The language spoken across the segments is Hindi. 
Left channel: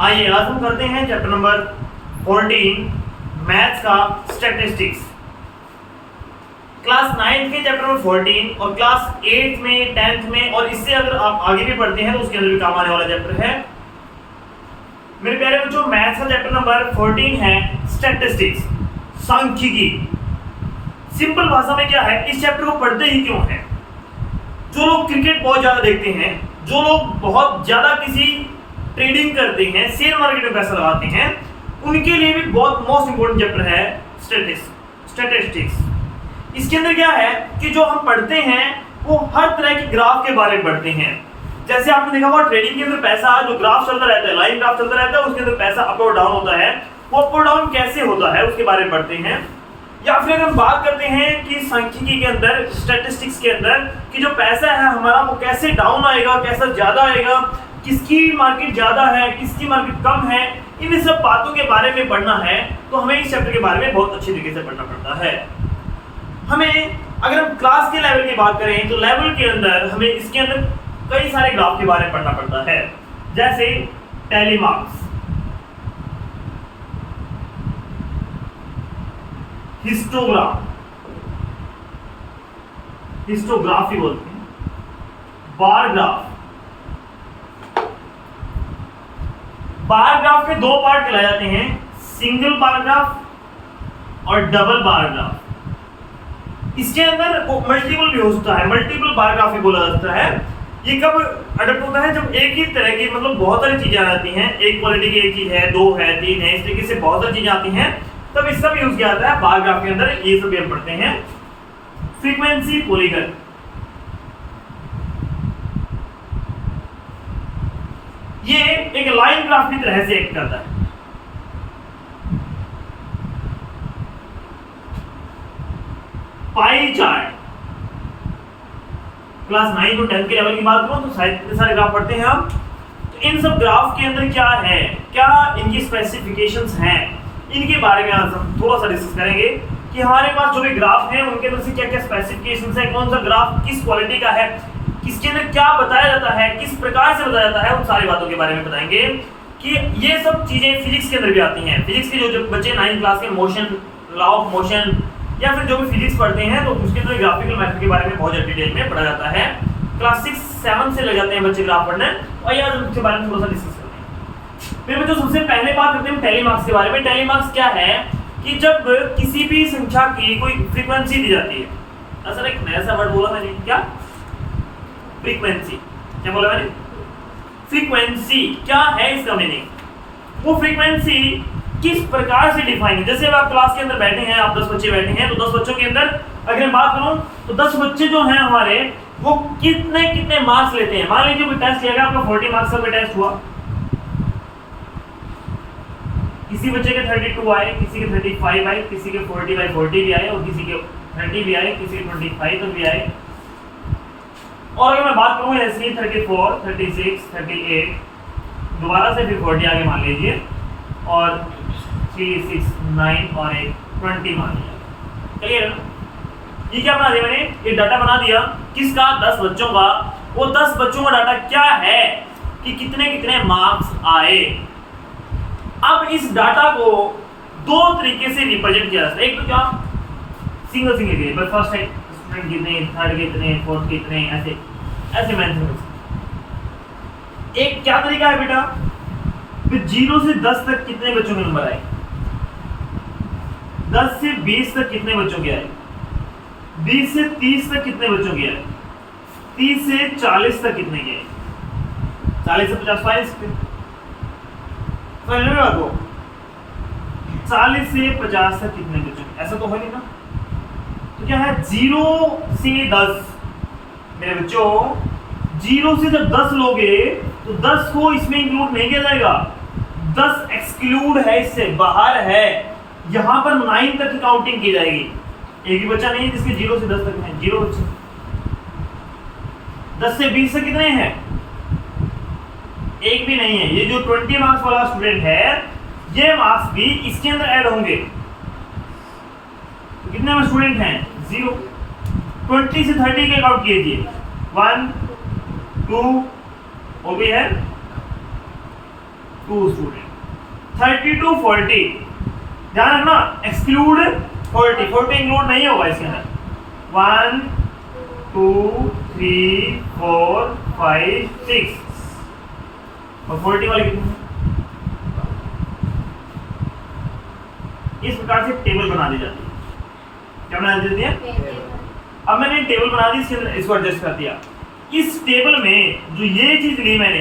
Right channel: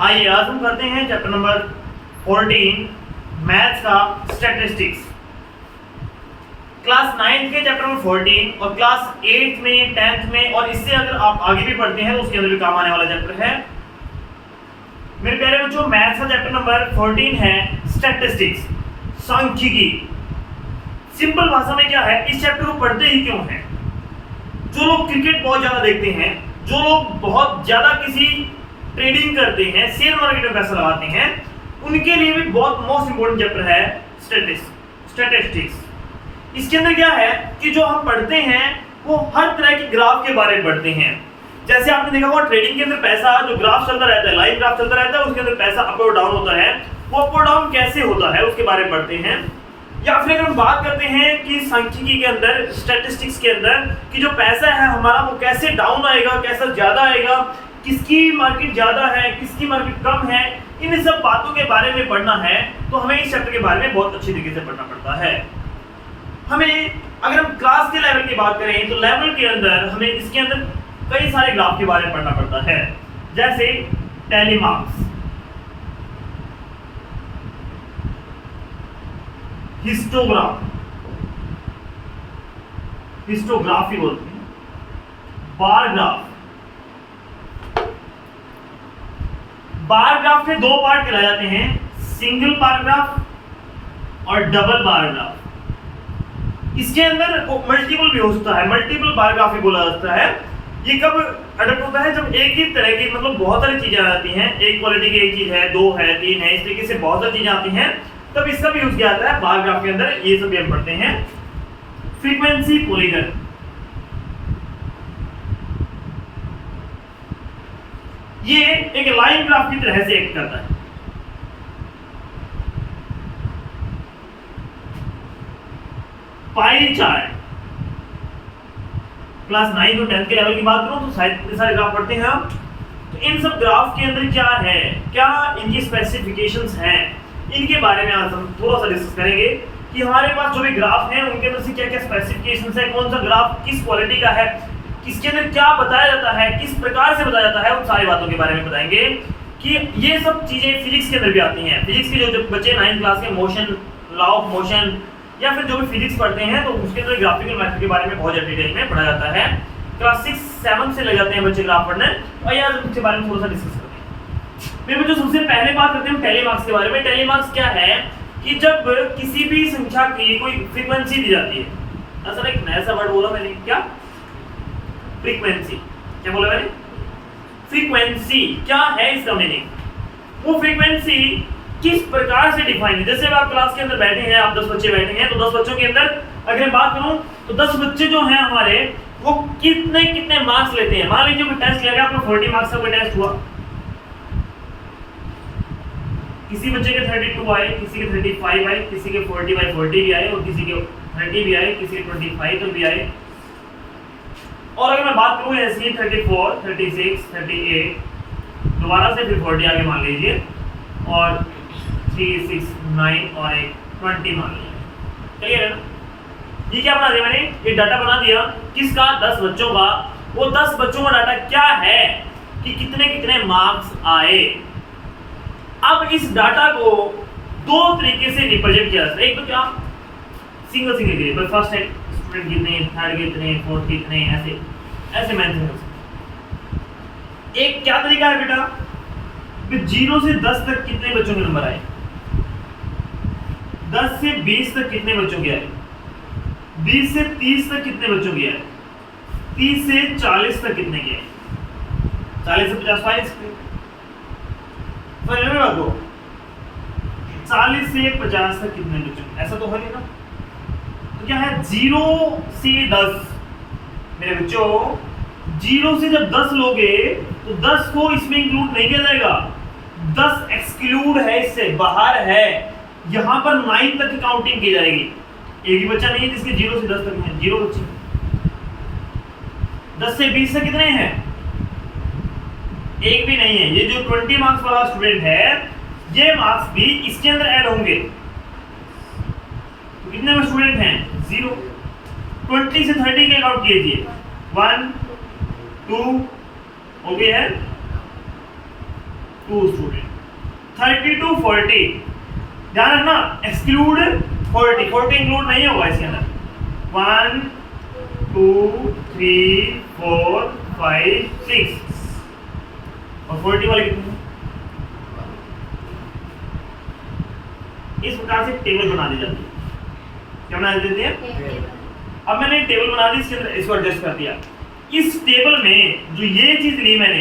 आइए आज हम करते हैं चैप्टर नंबर 14 मैथ्स का स्टैटिस्टिक्स। क्लास 9 के चैप्टर नंबर 14 और क्लास 8 में 10th में और इससे अगर आप आगे भी पढ़ते हैं तो उसके अंदर भी काम आने वाला चैप्टर है। मेरे प्यारे बच्चों, मैथ्स का चैप्टर नंबर 14 है स्टैटिस्टिक्स, सांख्यिकी। सिंपल भाषा में क्या है, इस चैप्टर को पढ़ते ही क्यों है? जो लोग क्रिकेट बहुत ज्यादा देखते हैं, जो लोग बहुत ज्यादा किसी ट्रेडिंग करते हैं, शेयर मार्केट में पैसा लगाते हैं, उनके लिए भी बहुत मोस्ट इंपोर्टेंट चैप्टर है स्टैटिस्टिक्स। इसके अंदर क्या है कि जो हम पढ़ते हैं वो हर तरह के ग्राफ के बारे में पढ़ते हैं। जैसे आपने देखा होगा ट्रेडिंग के अंदर पैसा जो ग्राफ चलता रहता है, लाइन ग्राफ चलता रहता है, उसके अंदर पैसा अप और डाउन होता है, वो अप और डाउन कैसे होता है उसके बारे में पढ़ते हैं। या फिर अगर हम बात करते हैं कि सांख्यिकी के अंदर, स्टैटिस्टिक्स के अंदर, कि जो पैसा है हमारा वो कैसे डाउन आएगा, कैसा ज्यादा आएगा, किसकी मार्केट ज्यादा है, किसकी मार्केट कम है, इन सब बातों के बारे में पढ़ना है तो हमें इस चैप्टर के बारे में बहुत अच्छी तरीके से पढ़ना पड़ता है। हमें अगर हम क्लास के लेवल की बात करें तो लेवल के अंदर हमें इसके अंदर कई सारे ग्राफ के बारे में पढ़ना पड़ता है, जैसे टेलीमार्क्स, हिस्टोग्राफी बोलते हैं, बार ग्राफ। बार ग्राफ के दो पार्ट कहलाए जाते हैं, सिंगल बार ग्राफ और डबल बार ग्राफ। इसके अंदर मल्टीपल भी हो सकता है, मल्टीपल बार ग्राफ भी बोला जाता है। ये कब अडॉप्ट होता है? जब एक ही तरह की मतलब बहुत सारी चीजें आ जाती हैं, एक क्वालिटी की एक चीज है, दो है, तीन है, इस तरीके से बहुत सारी चीजें आती हैं, तब इसका भी यूज किया जाता है बार ग्राफ के अंदर। ये सब हम पढ़ते हैं। फ्रीक्वेंसी पॉलीगन, ये एक लाइन ग्राफ की तरह से एक्ट करता है। पाई चार्ट, क्लास 9 और 10 के लेवल की बात करूं तो सारे ग्राफ पढ़ते हैं हम। तो इन सब ग्राफ के अंदर क्या है, क्या इनकी स्पेसिफिकेशंस हैं, इनके बारे में आज हम थोड़ा सा डिस्कस करेंगे कि हमारे पास जो भी ग्राफ हैं उनके अंदर से क्या क्या स्पेसिफिकेशंस है, कौन सा ग्राफ किस क्वालिटी का है, इसके अंदर क्या बताया जाता है, किस प्रकार से बताया जाता है, उन सारी बातों के बारे में बताएंगे। कि ये सब चीजें फिजिक्स के अंदर भी आती हैं। फिजिक्स के जो बच्चे 9th क्लास के मोशन, लॉ ऑफ मोशन या फिर जो भी फिजिक्स पढ़ते हैं तो उसके अंदर ग्राफिकल मेथड के बारे में बहुत डिटेल में पढ़ा जाता है। क्लास 6-7 से लग जाते हैं बच्चे ग्राफ पढ़ने, और यार उसके बारे में थोड़ा सा डिस्कस करते हैं। फिर बच्चों सबसे पहले बात करते हैं टेलीमार्क्स के बारे में। टेलीमार्क्स क्या है कि जब किसी भी संख्या की कोई फ्रीक्वेंसी दी जाती है, असल एक नया सा वर्ड बोला मैंने, क्या? फ्रीक्वेंसी। क्या बोला मैंने? फ्रीक्वेंसी क्या है, इसका मीनिंग। वो फ्रीक्वेंसी किस प्रकार से डिफाइन है। जैसे अब आप क्लास के अंदर बैठे हैं, आप 10 बच्चे बैठे हैं, तो 10 बच्चों के अंदर अगर मैं बात करूं तो 10 बच्चे जो हैं हमारे वो कितने कितने मार्क्स लेते हैं। मान लीजिए कोई टेस्ट लिया गया, आपका 40 मार्क्स का कोई टेस्ट हुआ, किसी बच्चे के 32 आए, किसी के 35 आए, किसी के 40/40 भी आए और किसी के 30 भी आए, किसी के 25 तक भी आए। और अगर मैं बात करूं ऐसे 34, 36, 38, दोबारा से फिर 40 आगे मान लीजिए, और 3, 6, 9 और एक 20 मान लीजिए। क्लियर है ना? ये क्या बना दिया मैंने? ये डाटा बना दिया किसका? 10 बच्चों का। वो 10 बच्चों का डाटा क्या है कि कितने कितने मार्क्स आए। अब इस डाटा को दो तरीके से रिप्रेजेंट किया जाता है। एक तो क्या, सिंगल के फर्स्ट स्टूडेंट कितने, थर्ड कितने, फोर्थ कितने, ऐसे मेंशन। एक क्या तरीका है बेटा, 0 से 10 तक कितने बच्चों के नंबर आए, 10 से 20 तक कितने बच्चों के आए, 20 से 30 तक कितने बच्चों के आए, 30 से 40 तक कितने के आए, 40 से 50 40 से 50 तक कितने बच्चों, ऐसा तो है नहीं ना। तो क्या है, 0 से 10 मेरे बच्चों, 0 से जब 10 लोगे तो 10 को इसमें इंक्लूड नहीं किया जाएगा, 10 एक्सक्लूड है, इससे बाहर है। यहां पर 9 तक की काउंटिंग की जाएगी। एक ही बच्चा नहीं है जिसके 0 से 10 तक में, 0 बच्चे। 10 से 20 तक कितने हैं? एक भी नहीं है। ये जो 20 मार्क्स वाला स्टूडेंट है, ये मार्क्स भी इसके अंदर ऐड होंगे। तो कितने स्टूडेंट हैं? 0। 20 से 30 के काउंट कीजिए, 1 2 हो गई है, 2 स्टूडेंट। 30 to 40 ध्यान रखना, एक्सक्लूड 40 इंक्लूड नहीं होगा इसके अंदर। 1 2 3 4 5 6 और 40 वाले कितने? इस प्रकार से टेबल बना दी जाती है। क्या बना देती है? अब मैंने टेबल बना दी, इसके अंदर इसको एडजस्ट कर दिया। इस टेबल में जो ये चीज ली मैंने,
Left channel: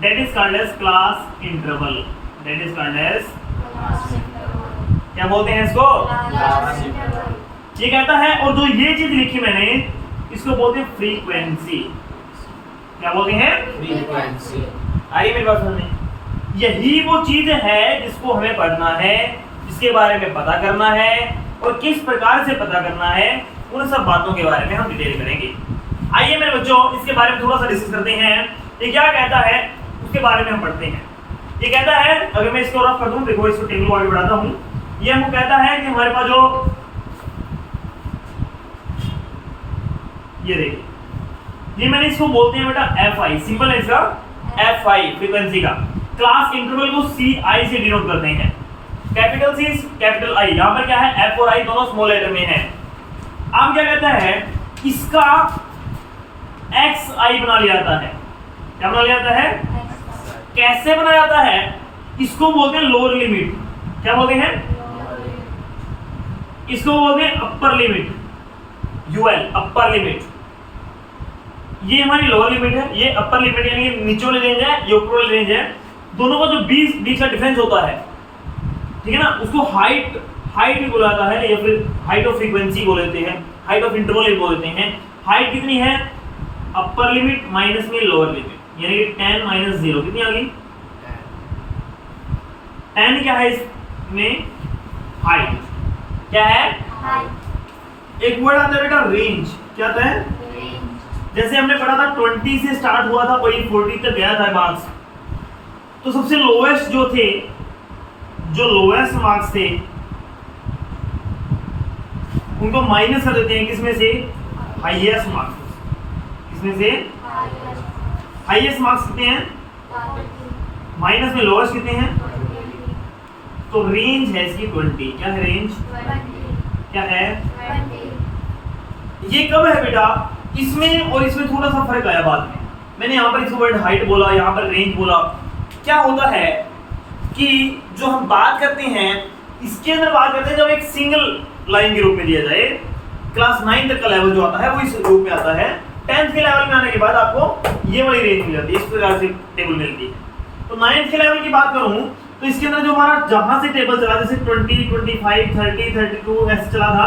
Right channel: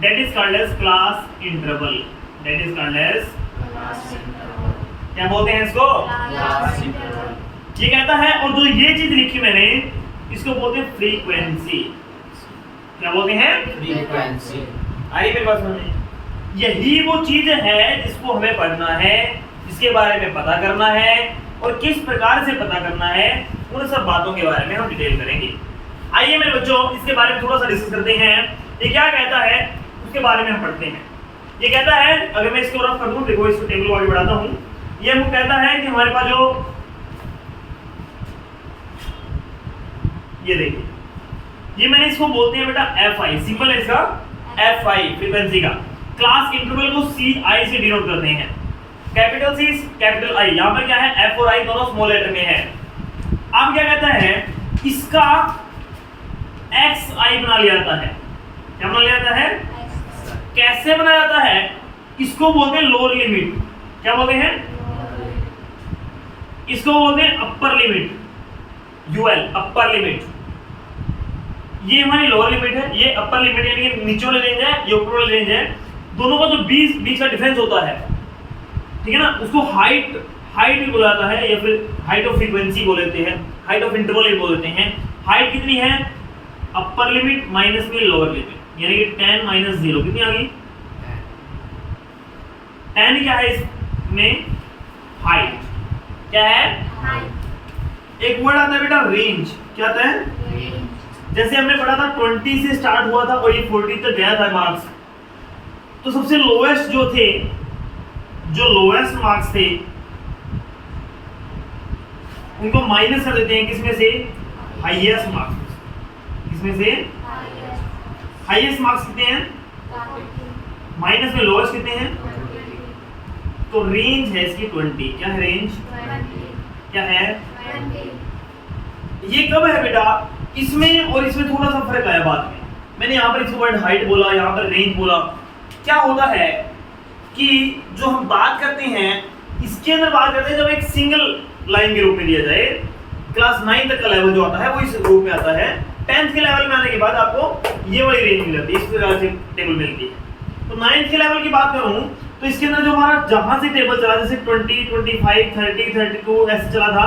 that is called as class interval. That is called as, क्या बोलते हैं इसको? ये कहता है, और जो ये चीज लिखी मैंने इसको बोलते हैं फ्रीक्वेंसी। क्या बोलते हैं? फ्रीक्वेंसी। आइए मेरी बात सुनिए, यही वो चीज है जिसको हमें पढ़ना है, जिसके बारे में पता करना है, और किस प्रकार से पता करना है, उन सब बातों के बारे में हम डिटेल करेंगे। आइए मेरे बच्चों, इसके बारे में थोड़ा सा डिस्कस करते हैं। ये क्या कहता है उसके बारे में हम पढ़ते हैं। ये कहता है, अगर मैं इसको रफ कर दूं, देखो इसको टेबल वाइज बढ़ाता हूं, ये हमको कहता है कि हमारे पास जो ये देखिए, ये मैंने इसको बोलते हैं बेटा FI, सिंपल है इसका FI, फ्रीक्वेंसी का। क्लास इंटरवल को CI से डिनोट करते हैं। कैपिटल C कैपिटल I, यहां पर क्या है, F और I दोनों स्मॉल लेटर में है। अब क्या कहता है, इसका XI बना लिया जाता है। क्या बना लिया जाता है? कैसे बनाया जाता है? इसको बोलते हैं लोअर लिमिट। क्या बोलते हैं? इसको बोलते हैं upper limit, UL, upper limit. ये हमारी लोअर लिमिट है, ये अपर लिमिट, यानी कि नीचे वाली रेंज है, ये ऊपर वाली रेंज है। दोनों का जो बीच का डिफरेंस होता है, ठीक है ना, उसको हाइट भी बोला जाता है, या फिर हाइट ऑफ फ्रीक्वेंसी बोल देते हैं, हाइट ऑफ इंटरवल भी बोल देते हैं। हाइट कितनी है? अपर लिमिट माइनस में लोअर लिमिट, यानी कि 10 माइनस 0 कितनी आ गई? 10 क्या है इसमें? हाइट। क्या है? एक वर्ड आता है बेटा रेंज। क्या आता है? जैसे हमने पढ़ा था 20 से स्टार्ट हुआ था और ये 40 तक गया था मार्क्स, तो सबसे लोएस्ट जो थे, जो लोएस्ट मार्क्स थे, उनको माइनस कर देते हैं किसमें से? Highest marks. किसमें से? हाईएस्ट मार्क्स कितने हैं? माइनस में लोएस्ट कितने हैं? तो रेंज है इसकी 20। क्या है रेंज? क्या है? ये कब है बेटा? इसमें और इसमें थोड़ा सा फर्क आया बाद में। मैंने यहाँ पर इसको वर्ड हाइट बोला, यहाँ पर रेंज बोला। क्या होता है कि जो हम बात करते हैं, इसके अंदर बात करते हैं जब एक सिंगल लाइन के रूप में दिया जाए। क्लास 9 तक का लेवल जो आता है वो इस रूप में आता है। 10th के लेवल में आने के बाद आपको ये वाली रेंज मिल जाती है, इस प्रकार से टेबल मिलती है। तो 9th के लेवल की बात करूं तो इसके अंदर जो हमारा जहां से टेबल चला, जैसे 20, 25, 30, 32 ऐसे चला था,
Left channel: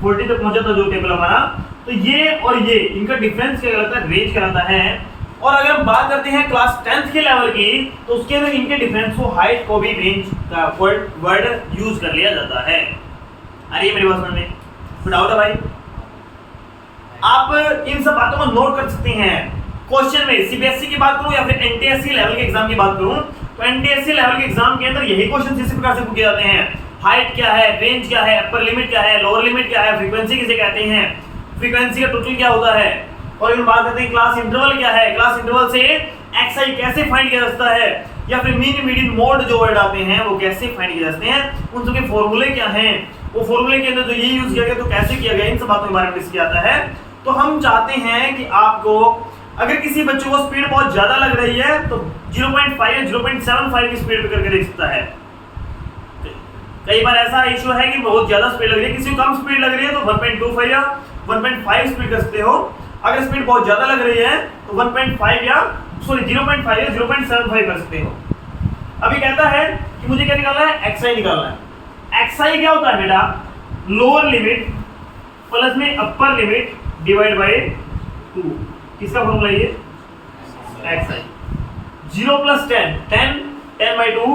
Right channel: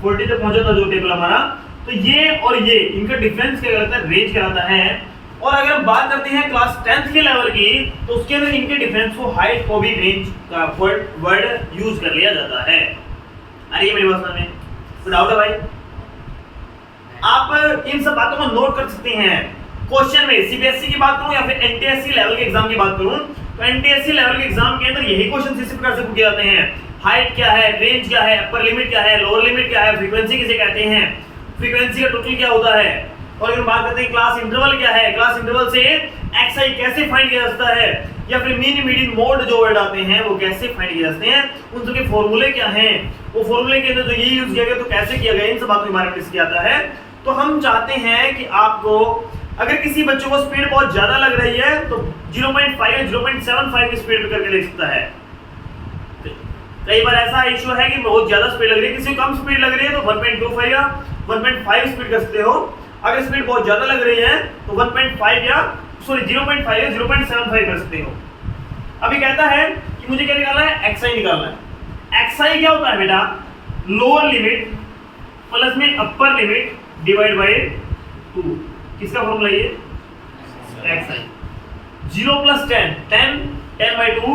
40 तक पहुंचा था जो टेबल हमारा, तो ये और ये इनका डिफरेंस क्या कहलाता है? रेंज कहलाता है। और अगर हम बात करते हैं क्लास 10th के लेवल की, तो उसके अंदर इनके डिफरेंस को, हाइट को भी रेंज का वर्ड यूज कर लिया जाता है। अरे मेरी बात सुनने तो डाउट है भाई? आप इन सब बातों को नोट कर सकते हैं क्वेश्चन में। CBSE की बात करूं या फिर NTSC लेवल के एग्जाम की बात करूं, तो NTSC लेवल के एग्जाम के अंदर यही क्वेश्चन इसी प्रकार से पूछे जाते हैं। हाइट क्या है, रेंज क्या है, अपर लिमिट क्या है, लोअर लिमिट क्या है, फ्रीक्वेंसी किसे कहते हैं, फ्रीक्वेंसी का टोटल क्या होता है, और अगर बात करते हैं क्लास इंटरवल क्या है, क्लास इंटरवल से XI कैसे फाइंड किया जाता है, या फिर मीन मीडियन मोड जो वर्ड आते हैं वो कैसे फाइंड किए जाते हैं, उन सबके फॉर्मूले क्या हैं, वो फॉर्मूले के अंदर जो ये यूज किया गया तो कैसे किया गया, इन सब बातों के बारे में डिस्कस किया जाता है। तो हम चाहते हैं कि आपको, अगर किसी बच्चे को स्पीड बहुत ज्यादा लग रही है तो 0.5 या 0.75 की स्पीड पे करके देख सकता है। कई बार ऐसा इशू है कि बहुत ज्यादा स्पीड लग रही है, किसी को कम स्पीड लग रही है तो 1.25 या 1.5 स्पीड कर सकते हो। अगर स्पीड बहुत ज्यादा लग रही है तो 0.5 या 0.75 कर सकते हो। अभी कहता है कि मुझे क्या निकालना है? XI निकालना है। XI क्या होता है बेटा? लोअर लिमिट प्लस में अपर लिमिट डिवाइड बाय 2। किसका फॉर्मूला ये? XI। 0 plus 10, 10 by 2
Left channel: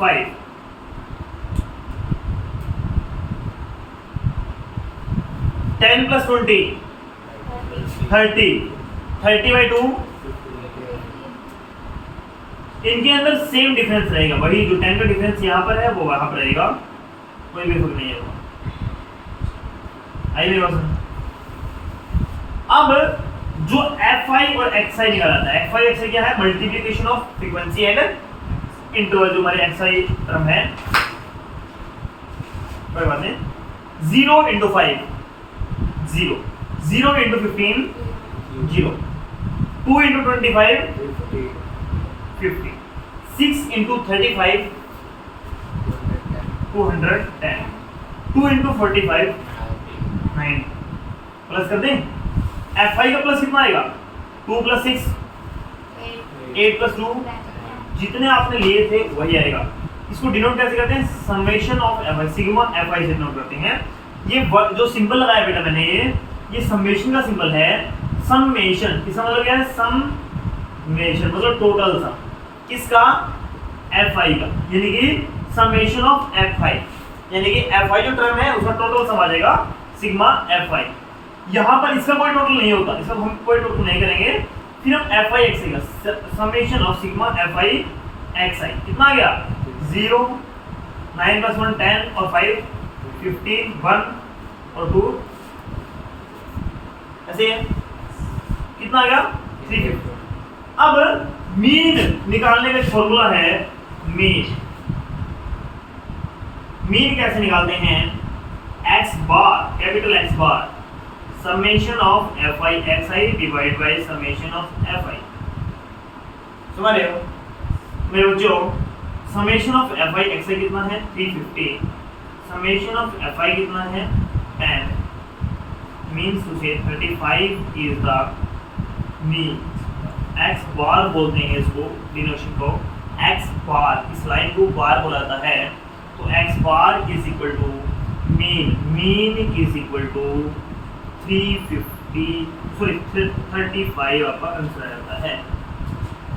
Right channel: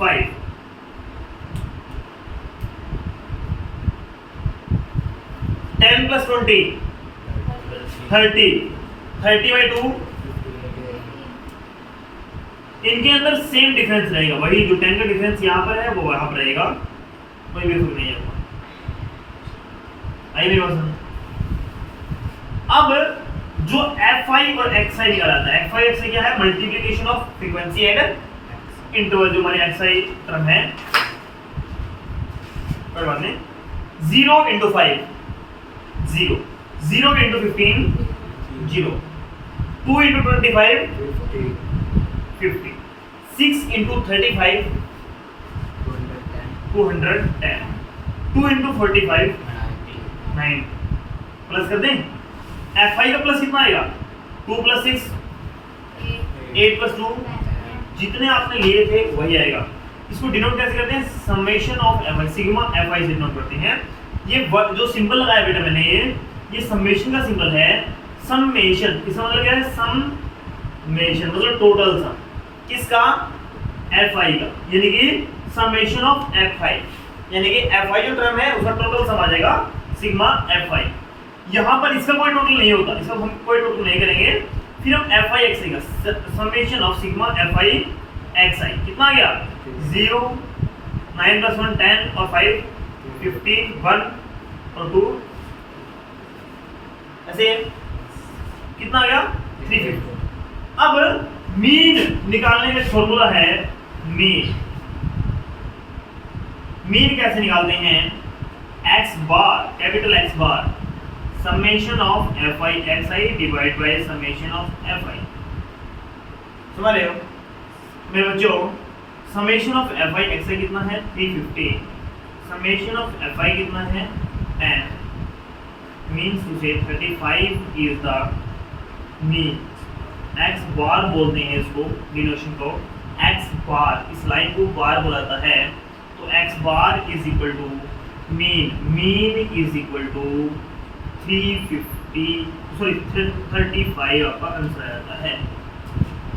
5। 10 plus 20 30 by 2। इनके अंदर सेम डिफरेंस रहेगा, वही जो 10 का डिफरेंस यहाँ पर है वो वहां पर रहेगा, कोई भी फर्क नहीं है। आई मेरी बात सुनो। अब जो FI और XI निकाला था, FI XI क्या है? Multiplication of frequency and interval जो हमारे एक्सआई टर्म है, कोई बात नहीं। 0 into 5 0, 0 into 15 0, 2 into 25 50, 6 into 35 210, 2 into 45 9। Plus कर दें, Fi का प्लस कितना आएगा? 2 plus 6 8 plus 2, जितने आपने लिए थे वही आएगा। इसको डिनोट कैसे करते हैं? Summation of Fi, sigma Fi से डिनोट करते हैं। ये जो सिंबल लगाया बेटा मैंने, ये समेशन का सिंबल है। समेशन इसका मतलब क्या है? समेशन मतलब टोटल सम किसका? Fi का, यानी कि समेशन ऑफ Fi, यानी कि Fi जो टर्म है उसका टोटल सम आ जाएगा सिग्मा Fi। यहाँ पर इसका कोई टोटल नहीं होता, इसका हम कोई टोटल नहीं करेंगे। फिर हम Fi xi का summation of sigma Fi xi कितना आ गया? 0, 9 plus 1 10 और 5 15 1 और 2 ऐसे कितना आ गया? 350। अब मीन निकालने का फॉर्मूला है मीन कैसे निकालते हैं? x bar, capital X bar, summation of Fi xi divide by summation of Fi। समझ रहे हो मेरे बच्चों? समेशन ऑफ Fi xi कितना है? 350। समेशन ऑफ Fi कितना है? 10। मीन्स टू से 35 इज द मीन। x बार बोलते हैं इसको, डिनोशन को x बार, इस लाइन को बार बोला जाता है। तो x bar is equal to mean is equal to 35 आपका आंसर आ जाता है।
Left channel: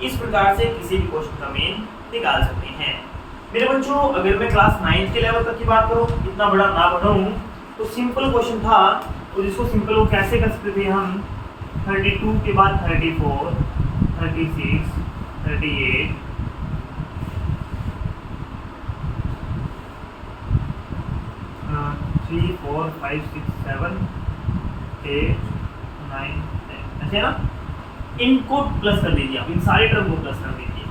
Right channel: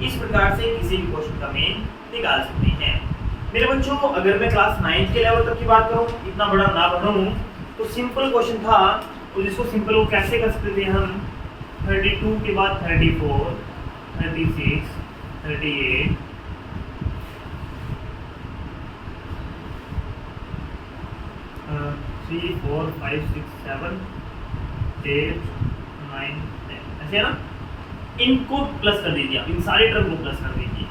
इस प्रकार से किसी भी क्वेश्चन का मीन निकाल सकते हैं। मेरे बच्चों अगर मैं क्लास 9 के लेवल तक की बात करूँ, इतना बड़ा ना बढ़ाऊँ, तो सिंपल क्वेश्चन था और जिसको सिंपल वो कैसे कर सकते थे हम? 32 के बाद 34 36 38 3 4 5 6 7 8 9 10 ऐसे है ना। इनको प्लस कर दीजिए आप, इन सारे टर्म को प्लस कर दीजिए।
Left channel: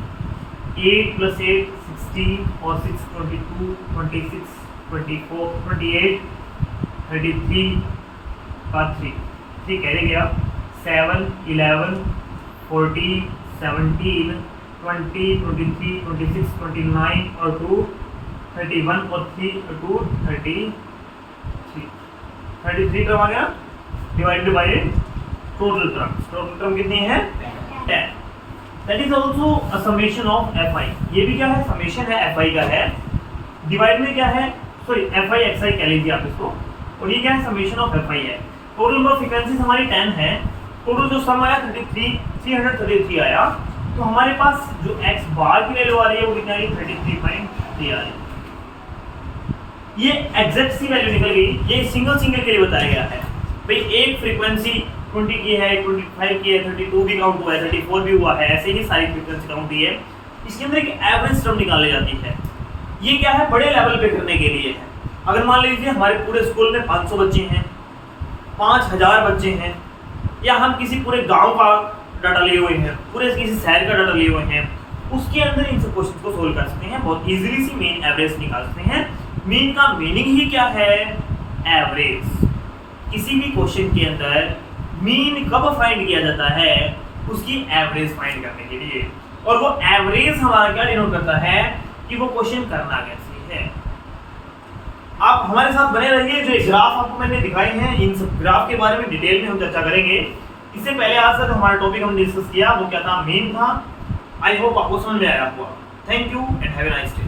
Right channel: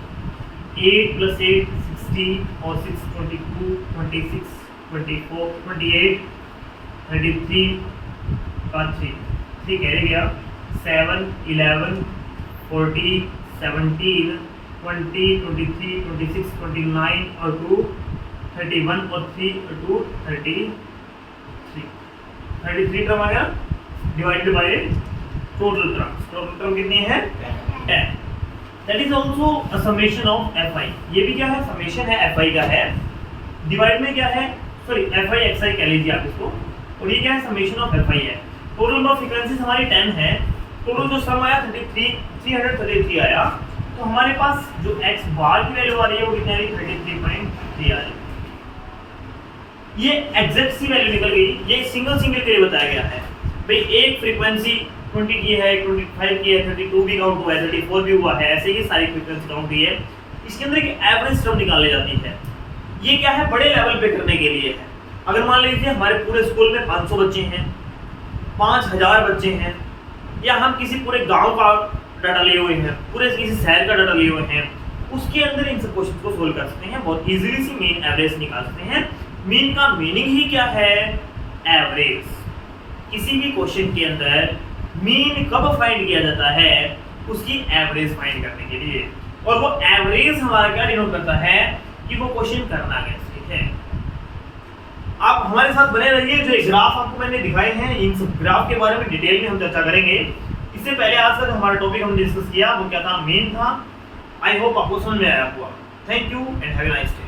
8 plus 8 16 और 6 22 26 24 28 33 का 3 कैसे गया? 7 11 40 17 20 23 26 29 और 2 31 और 3 और 2 33 टर्म आ गया डिवाइडेड बाय टोटल टर्म कितनी है? 10। That is also a summation of Fi। ये भी क्या है? समेशन है, Fi का है। डिवाइड में क्या है? सॉरी Fi xi कह लीजिए आप इसको, और ये क्या है? समेशन ऑफ Fi है। टोटल नंबर ऑफ फ्रीक्वेंसीज हमारी 10 है। टोटल जो सम आया 333 आया। तो हमारे पास जो x बार की वैल्यू आ रही है वो कितनी आ रही है? 33.3 आ रही है। ये एग्जैक्ट सी वैल्यू निकल गई। ये सिंगल के लिए बताया गया है भाई। एक फ्रीक्वेंसी 20 की है, 25 की है, 32 भी काउंट हुआ है, 34 भी हुआ है, ऐसे ही सारी फ्रीक्वेंसी काउंट हुई है। इसके अंदर एक एवरेज टर्म निकाली जाती है। ये क्या है? बड़े लेवल पे करने के लिए है। अगर मान लीजिए हमारे पूरे स्कूल में 500 बच्चे हैं, 5000 बच्चे हैं, या हम किसी पूरे गांव का डाटा लिए हुए हैं, पूरे किसी शहर का डाटा लिए हुए हैं, उसके अंदर इन सब क्वेश्चन को सोल्व कर सकते हैं। बहुत इजीली से मीन एवरेज निकाल सकते हैं। मीन का मीनिंग ही क्या है? एवरेज। किसी भी क्वेश्चन के अंदर मीन कब फाइंड किया जाता है? उसकी एवरेज फाइंड करने के लिए। और वो एवरेज हमारा क्या डिनोट करता है कि वो क्वेश्चन करना कैसे है। आप हमारे साथ बने रहिए। जो ग्राफ आपको मैंने दिखाए हैं, इन सब ग्राफ के बारे में डिटेल में हम चर्चा करेंगे। इससे पहले आज तक हमारा टॉपिक हमने डिस्कस किया वो क्या था? मीन था। आई होप आपको समझ में आया होगा। Thank you and have a nice day.